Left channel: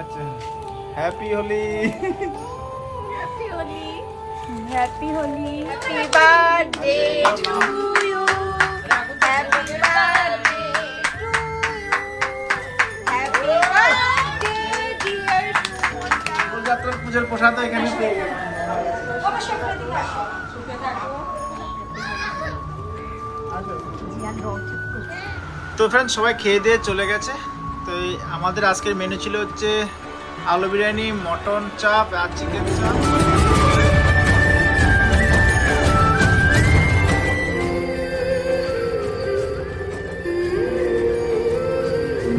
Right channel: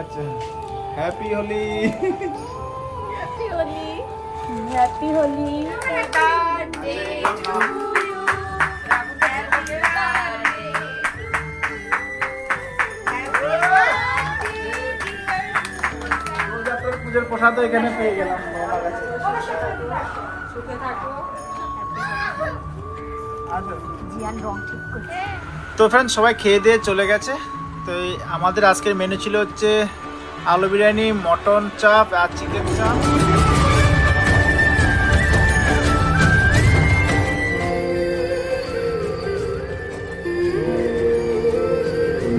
আচ্ছা happy Holi. Happy Holi. Happy Holi. যাত্রার পুজোর প্রসাদ এখানে পেয়ে গেলাম তো ফ্রেন্ড সবাই খেয়ে দিয়ে চলে গেছে। তো এই আমাদের আজকের মেনু ছিল হচ্ছে আলু বিরিয়ানি মটন চাপ আর চিকেন চাপ।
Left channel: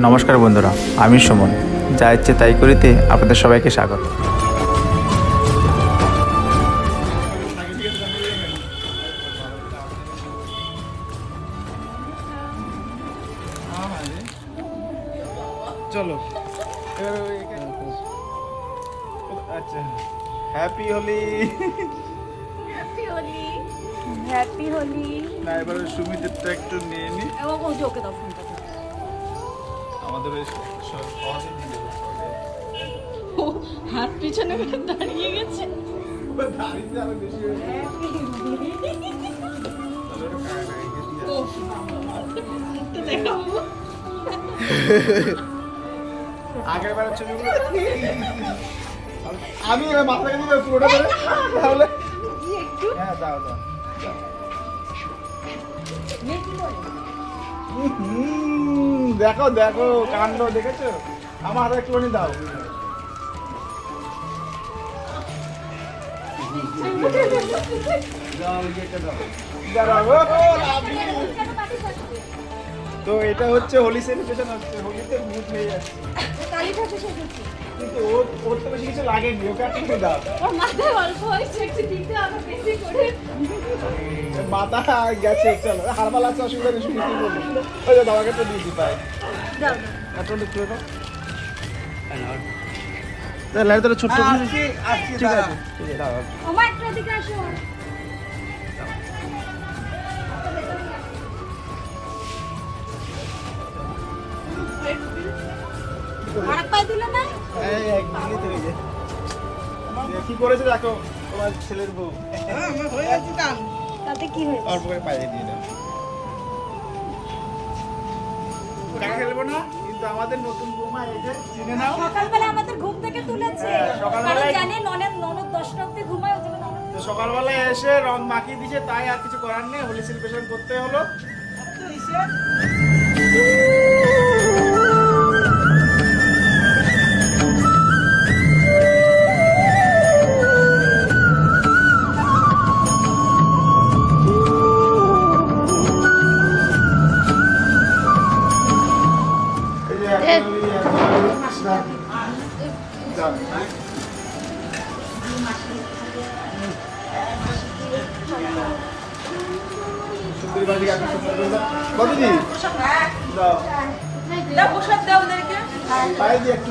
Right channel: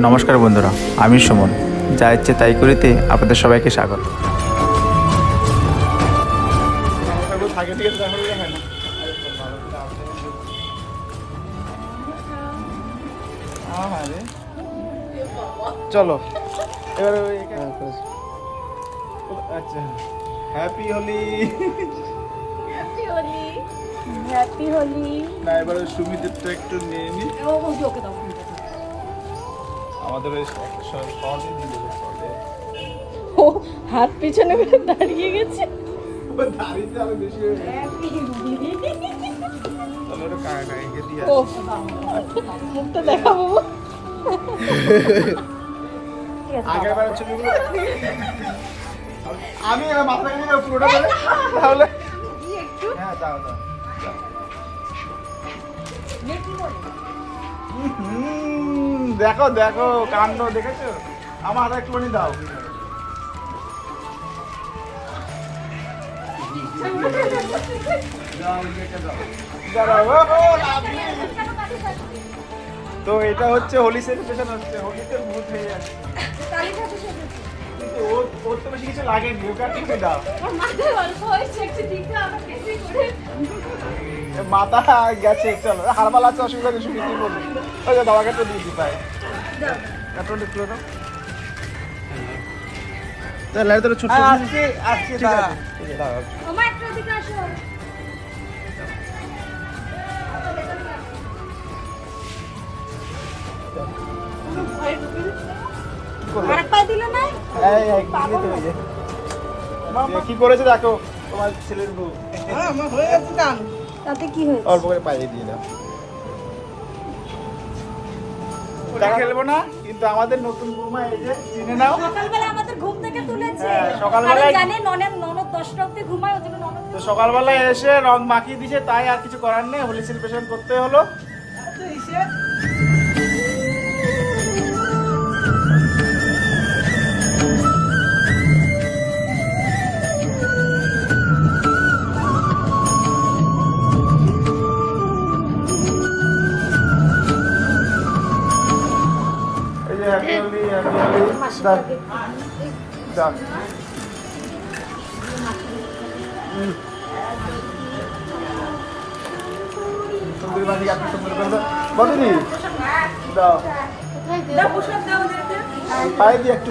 নমস্কার বন্ধুরা আমি সুমন। যা ইচ্ছে তাই করিতে আপনাদের সবাইকে স্বাগত। চলো। এবার আচ্ছা। Happy Holi happy Holi happy Holi না এবার সুমিতেরটা একটু নিয়ে নি। ওকে ওকে দাও ফোনটা আমাদের ওই শর্টে দিয়ে দেবো শর্টে ও হাত পিছনে দাঁড়িয়ে গেছে। দাঁড়িয়ে আরও বেশি হয়ে হ্যাপি হোলি তাহলে ওটা কাকা কাকিকে দিয়ে মুখটা দেখাবো। আগের বারের ছবিগুলো আমি মাথায় নিয়ে পুরোটা ধরে। তাহলে হ্যাঁ দাও দাও। দেখো দেখো কাণ্ড দেখেছ? আমার হাতে একটুখানি দাও। দাও, দাও। তো এটা হচ্ছে হোলি সেলিব্রেশন হচ্ছে হোলিতে ভূত হয়ে যাচ্ছে। কালী ঠাকুর সেজেছে কিন্তু ওর ওর তো বেশি কিছু লাগেনি ওকে আর কিছু দাও। ওর মাথায় অল্প হয়েছে একটু দিতে আমার বেশি করে মাথা গেছে চলো হারবাল আছে অসুবিধা নেই শুনে কি বলবি? ওই যে দাদাকে তো দিয়ে দি পাই দাও কার্টুনটা খুলে দাও। তাহলে ছোট আজকে আজকে ঠিক ঠিক আছে। দাও আমার একটু দিকে আসো। দিলে না? এই এক দিলে তো এই যে। কি করেছে দেখো? তোমার ছেলের বউ। তাতে কি হয়েছে? অল্প করে পায়ে দিয়ে দাও। ওটা খেলব না কিন্তু আমাদের নতুন বৌমা এই যে চিনে নাও। সকালবেলা আমাদের ঘুম থেকে তুলেছে। হ্যাঁ, জানে ননদ ঘুমায় ননদ তো এসে রং মাখিয়ে দিছে তাই আর কিছু করার নেই হোলি সেলিব্রেশন করতে হলো। এই সুন্দরী দাও। দিয়ে একটু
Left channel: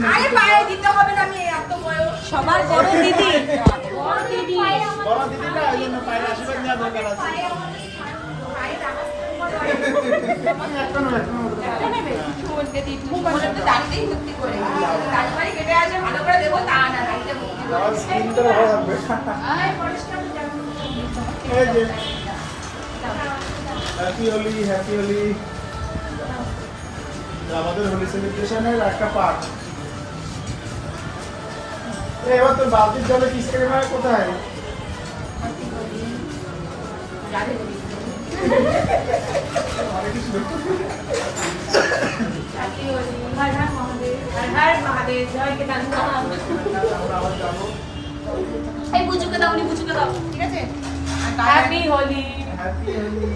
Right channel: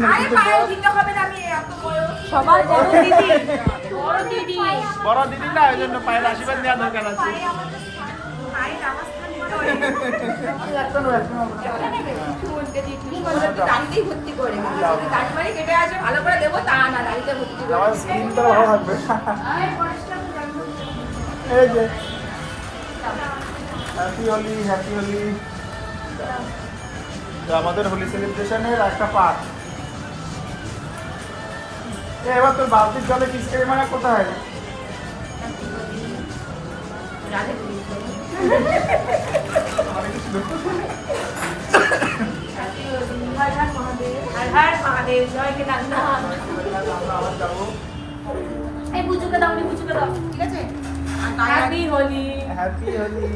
সবার বড় দিদি। বড় দিদি। না ওই জন্য পায়ের আশীর্বাদ নেওয়া দরকার আছে। ভালো হোলি হ্যাপি হোলি আমাদের হোলি সেলিব্রেশনের একটা পার্ট এবার তোর বালতির জলে পিচকারি মারা কোথায়? এই বুঝুকে দাও নি বুঝুকে দাও ঠিক আছে? হ্যাপি হোলি হ্যাপি হোলি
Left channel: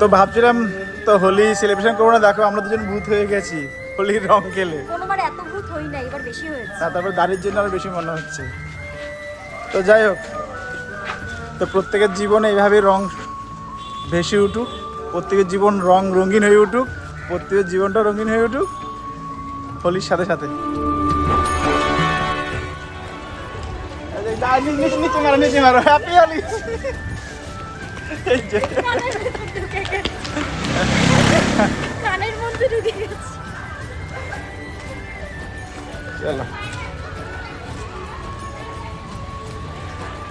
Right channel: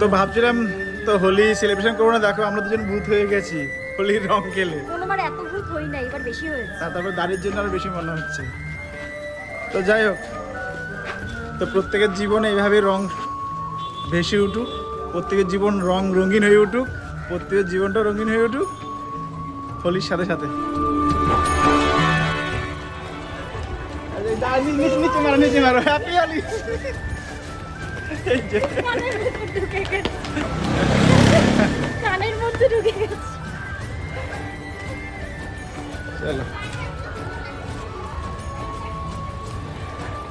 তো ভাবছিলাম তো হোলি সেলিব্রেশন করব না দেখো আমরা দুজন ভূত হয়ে গেছি। হোলির রং খেলে কোনোবার এত ভূত হই না এবার বেশি হয়েছে। না তারপর দাড়ির জন্য আরও বেশি মনে হচ্ছে। তো যাই হোক তো প্রত্যেকের জীবনে এইভাবে রং ভেসে উঠুক প্রত্যেকের জীবন রং রঙিন হয়ে উঠুক প্রত্যেকের জীবনটা রঙিন হয়ে উঠুক। হোলির সাথে সাথে। নিচে নিচে মারো মধ্যে ঢুকে গেছে।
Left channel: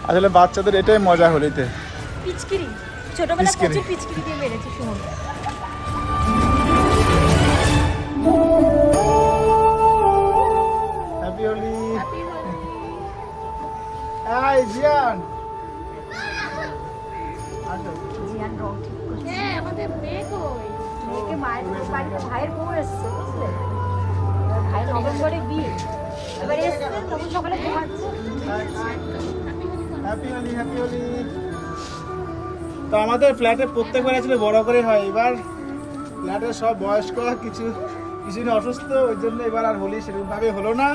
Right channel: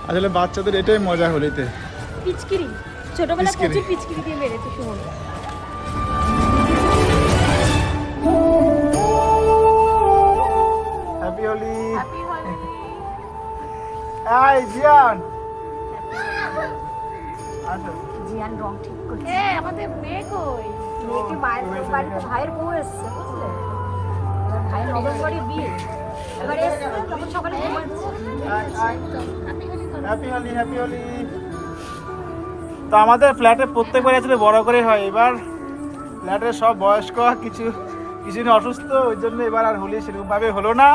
আসলে বাচ্চাদের এটাই মজা হল পিচকিরি। ছোটবেলা পিচকিরি। ভাইয়ের বউ এসছে বুঝলে? ভাইয়ের করে বিয়ে তো আমাদের ফ্ল্যাটে প্রত্যেকবার আসলে বড় করে হয়। এবার ফ্ল্যাটের সব বয়স্ক কিছু কিছুদিন অসুস্থ, ওই জন্য এবার আর হোলি সেরকমভাবে হলো না।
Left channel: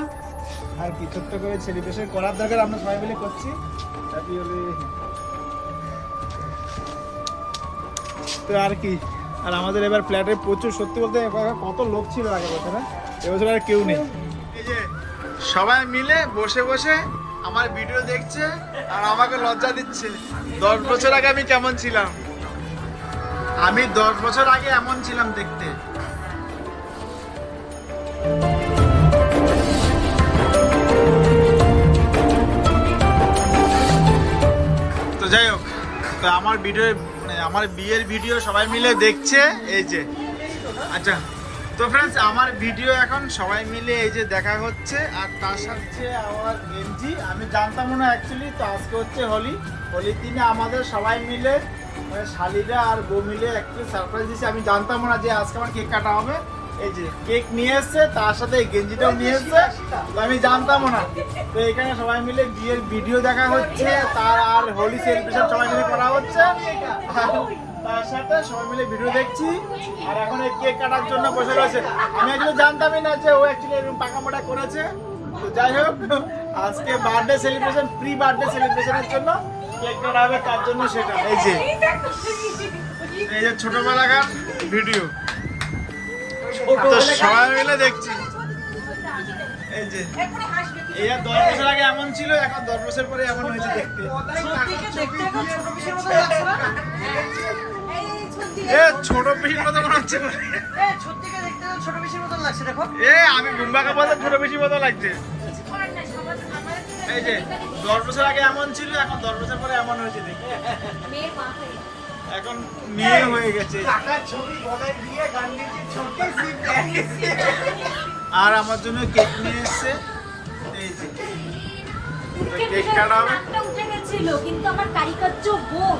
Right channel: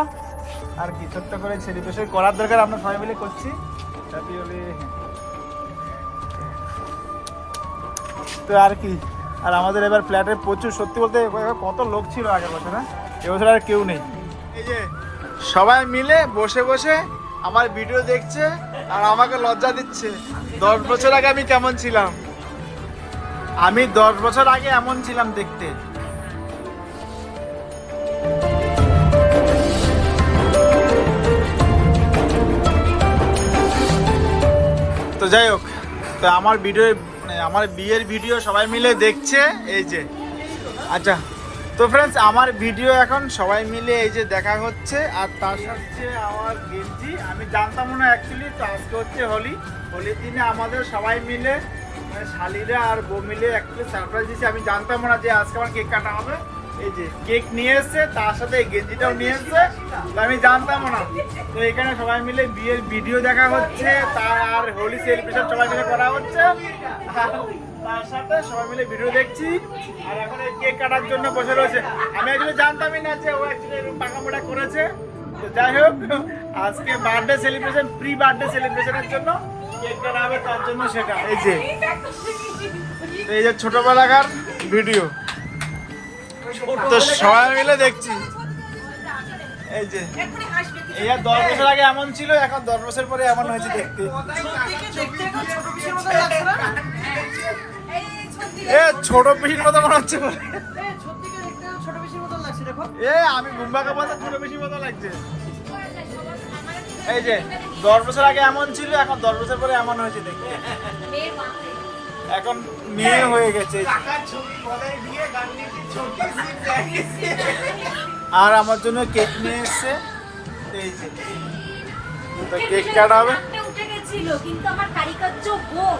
আর কি ছোট্ট করে সেলিব্রেশন করার দরকার আমরা সবাই মিলে করছি। হ্যাপি হোলি তো আর কি, আর আমাদের এবার ফ্ল্যাটে প্রচুর, সত্যি বলতে কত লোক ছিল আগে বছর হ্যাঁ এবছর আর কেউ নেই। সবাই মিলে বসে বসে আমার ভিডিও দেখছে আর আমাকে লজ্জা দিচ্ছে। দশ বছর আগে আমি কেমন ছিলাম? আমি দশ বছর আগে এমন ছিলাম দেখতে। তো যাই হোক, তো আমার ভিডিও মানে আমার বিয়ের ভিডিও সবাই মিলে দেখছে, এই যে। আচ্ছা তো ফ্রেন্ডস আমার ভিডিও এখন সবাই মিলে এই যে দেখা হচ্ছে, আর তার সাথে আমার গেঞ্জি। আমি জানতাম না অ্যাকচুয়ালি তো আজকে হচ্ছে হোলি। হোলির দিনে আমাদের সবাই মিলে মানে শালিরা আর বউ মিলে একটু সারপ্রাইজ দিয়েছে। আমি জানতাম না যে আজকে আমার কেক কাটা হবে। এই যে কেক নিয়ে এসছে, তার সাথে এই গেঞ্জিটাও নিয়ে এসছে। আমি জানতাম না। তো এখানে সবাই মিলে বিয়ের ভিডিও দেখা হচ্ছে, তার আর হোলি সেলিব্রেশন সবাই মিলে করা হচ্ছে। তার সাথে সবাই মিলে ভিডিও দেখছি। আর এখন এই কেক কাটার জন্য বসে রয়েছে। আমি আসলে জানতামই না যে ও অ্যাকচুয়ালি পাকামোটা করেছে। তো যাই হোক, আজকে বার্থডে সেলিব্রেশন প্রি বার্থডে সেলিব্রেশনের জন্য কেক কাটা হবে, তার জন্য সেটা। এই যে এই যে ছোটবেলাকার ভিডিও তো সবাই মিলে দেখছি। এই যে এটা দশ বছর আগে এমন ছিল, এখন দশ বছর পরে এমন হয়েছে দেখতে। এ ছোট পিসির মতো মনে হচ্ছে। এ আমি গুম্বাকে বলতে ছোট পিসির মতো লাগছে। এই যে দশ বছর আগে এমন ছিল এখন দশ বছর পরে এমন হয়েছে দেখি এখন মেয়ে হয়ে গেছে। আর আমার জন্য কেক নিয়ে এসছে। এই যে কেক কাটা হবে। কিন্তু আমার কারিকার্য বোন।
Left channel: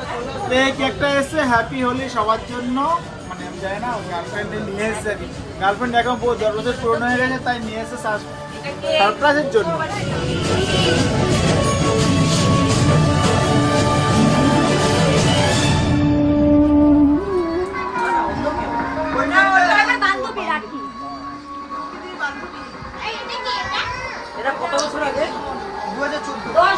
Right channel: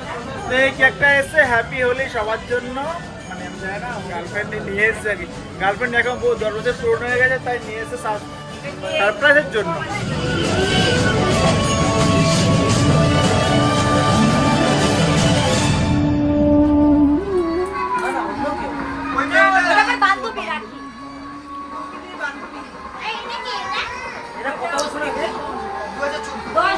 তো এই কেকটা এসে হ্যাপি হলি সবার জন্য। মানে আমি জানি না গার্লফ্রেন্ডে নিয়ে এসেছে আর কি। গার্লফ্রেন্ড এখন বহু দশ বছর পুরনো হয়ে গেছে তাই নিয়ে এসে সারপ্রাইজের জন্য। দশ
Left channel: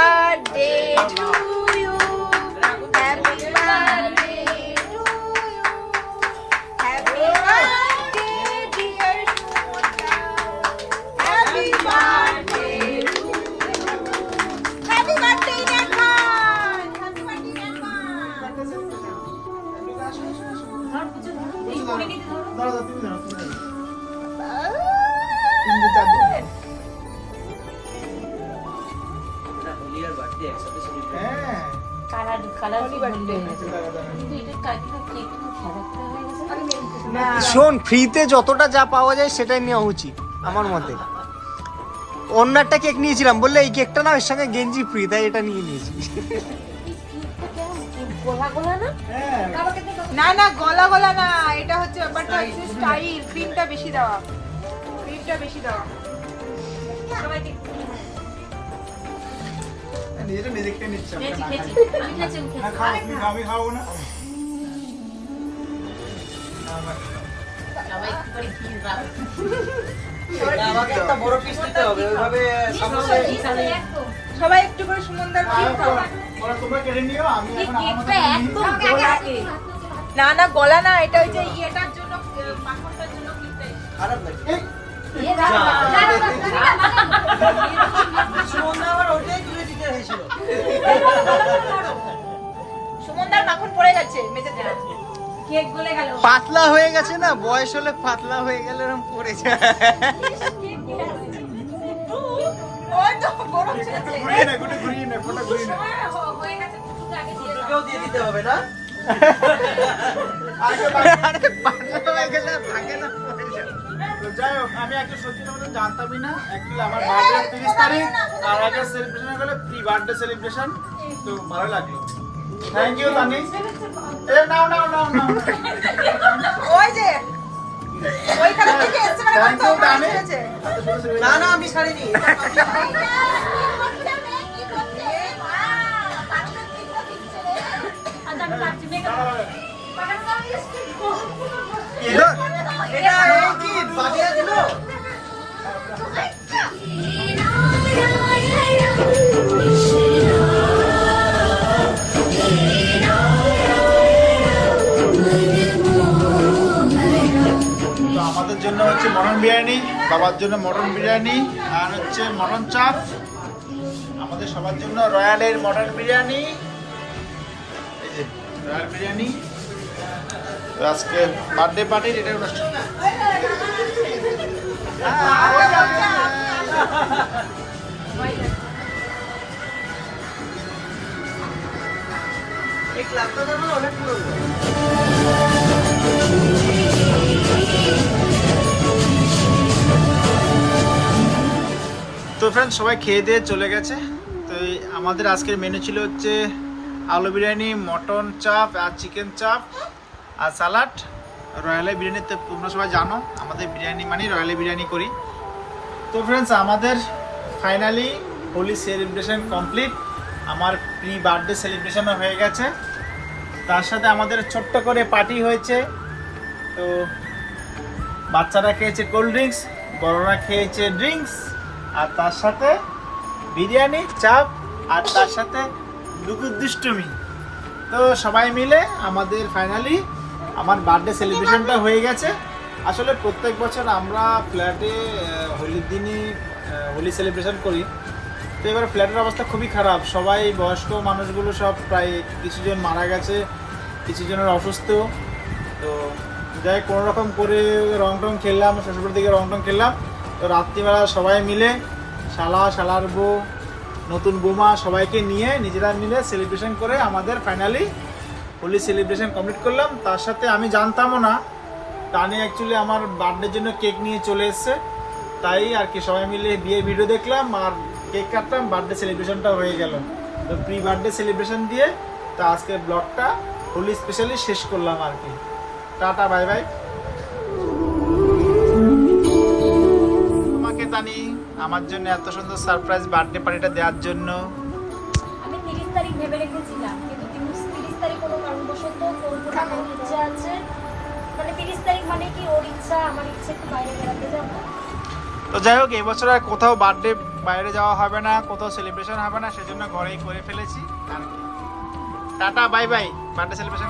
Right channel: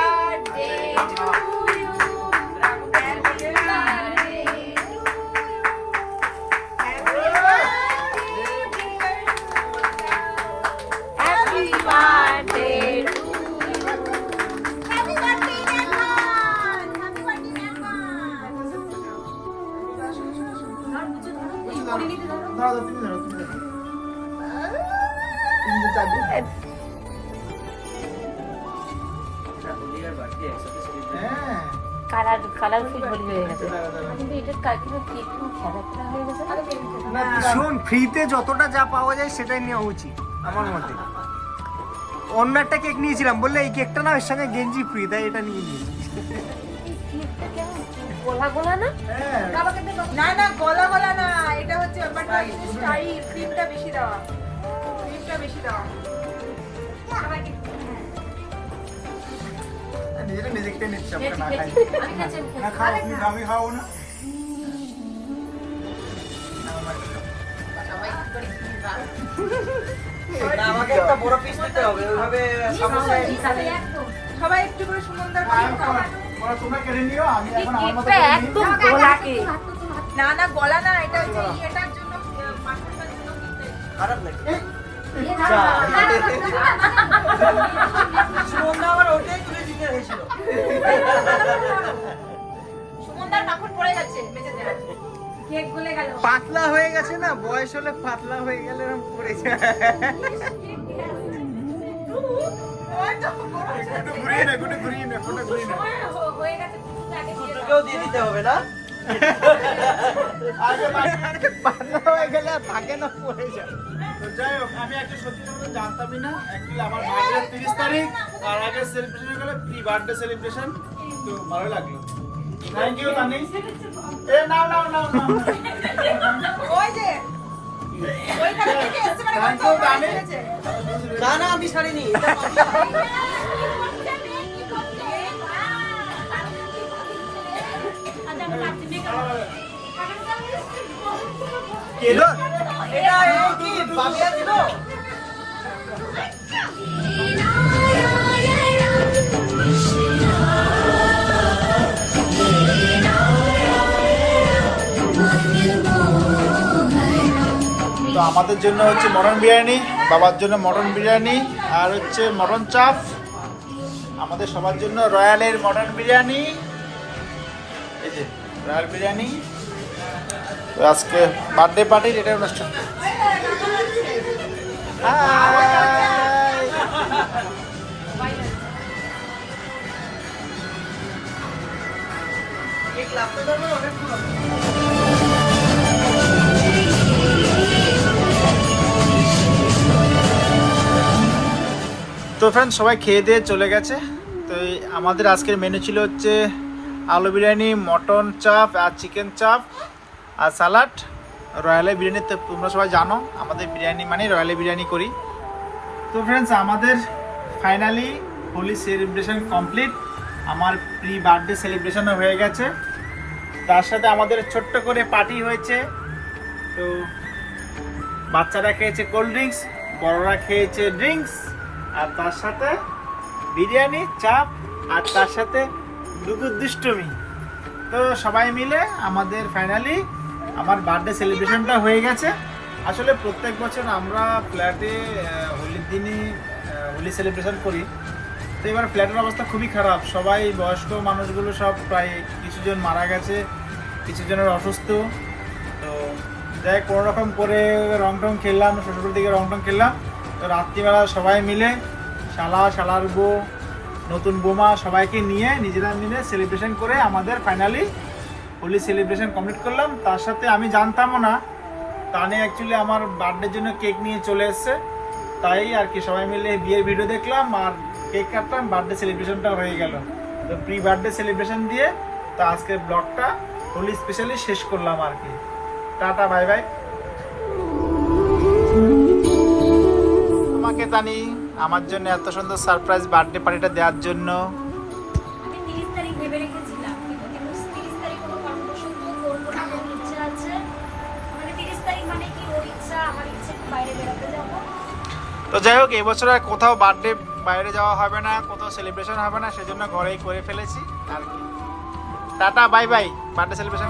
শোন ফ্রিতে যতটা যা পাওয়া যায় সেটাই নেওয়া উচিত আমার মতে। অন্য একটা কেক নিয়েছিলাম বললে এই কেকটা না এর সঙ্গে গেঞ্জি ফ্রি তাই এটা নিয়ে নিয়েছি। গোলা গোলা না হ্যাঁ। আমাকে দেখো না না গলা গলা না এটা হচ্ছে ব্যাপারটা স্টাইল ক্রিমটা বেশি দেওয়া। ক্রিমটা বেশি দেওয়া। নিজেটা নিজে নিচ্ছে না খাই না খাও তুমি খাও, আমি খাব না। করে নিই। একদম গায়ে না না গলা না এটা হয়েছিল সুমনদার মাখন পড়ে যাচ্ছে মেঝেতে পাতলা হয়ে গেছে না বয়স হলে পাতলা হয়ে গেলে এরকম পড়ে যায়। হয়ে হয়ে আমি একটা সত্যি জানতামই না। আমার বার্থডে তিরিশ তারিখ আর আগে সেলিব্রেশন হলো প্রি বার্থডে সেলিব্রেশন তো ভালো লাগল। থ্যাংক ইউ তানি এ নাও নাও নাও নাও। ওই যে মানে। না না আমি ছাড়িনি। আমাদের জন্য হচ্ছে মটন বিরিয়ানি বাবার জন্য মটন বিরিয়ানি আর হচ্ছে মটন চাপ। আমাদের সবার জন্য রয়্যালের মটন বিরিয়ানি। এই যে রয়্যাল বিরিয়ানি। আজকে বার্থডে পার্টির এটা অনুষ্ঠান। এই ক্লাবটা অনেক পুরনো। তো ফ্রেন্ড সবাই খেয়ে দিয়ে চলে গেছে। তো আমাদের আজকের মেনু ছিল হচ্ছে আলু বিরিয়ানি মটন চাপ আর চিকেন চাপ আর সালাড রয়্যালের বিরিয়ানি তো তোমরা সবাই জানো, আমাদের বিরিয়ানি মানে রয়্যালের বিরিয়ানি করি। তো ফ্রেন্ডস আমাদের ফাইনালি হোলি সেলিব্রেশন কমপ্লিট আমার প্রি বার্থডে সেলিব্রেশনও হয়ে গেছে। তার সাথে আমাদের ছোট্ট করে পার্টি হয়েছে। তো বাচ্চারা খেয়েছে কোল্ড ড্রিঙ্কস বড়রা খেয়েছে ড্রিঙ্কস আর তার সাথে বিরিয়ানি, চাপ আর তার সাথে দুগুর দুষ্টুমি। তো সবাই মিলে আমাদের ফাইনালি আমার বার্থডে সেলিব্রেশনটা হয়ে গেছে। আসলে প্রত্যেক বছর আমরা ফ্ল্যাটে হোলির দিনই হোলি সেলিব্রেশন করি। তো এবার ফ্ল্যাটের অবস্থা খুবই খারাপ। সবাই বয়স্ক মানুষগুলো সব প্রায় কিছুজন মারা গেছে, কিছুজনের অসুস্থ। তো যাই কোনো রকম করে রং টং খেললাম শ্বশুরের দিকে রং টং খেললাম। তো রাত্রিবেলা সবাই মিলে শালা, শালার বউ, নতুন বৌমা সবাইকে নিয়ে, নিজেরা মিলে সেলিব্রেশন করে আমাদের ফাইনালি হোলি সেলিব্রেশন কমপ্লিট করলাম। তার সাথে আমি জানতামও না টানে অ্যাকচুয়ালি আমার বার্থডের জন্য কেক নিয়ে চলে এসছে। তাই আর কি সবাই মিলে বিয়ের ভিডিও দেখলাম আর কেক কাটলাম বার্থডে সেলিব্রেশনটা হয়ে গেল। তো প্রি বার্থডে সেলিব্রেশন দিয়ে তা আজকের ব্লগটা হোলি স্পেশালি শেষ করলাম আর কি। টাটা বাই বাই জানি আমার জন্য এত সুন্দর সারপ্রাইজ বার্থডে পার্টিটা দেওয়ার জন্য। মানে মানে তো যাই হোক এবছর আর কোথাও বার্থডে বাইরে যাওয়া হবে না কোথাও সেলিব্রেশন হবে না সেজন্য ঘরেই করে ফেলেছি। আর tata bye bye birthday celebration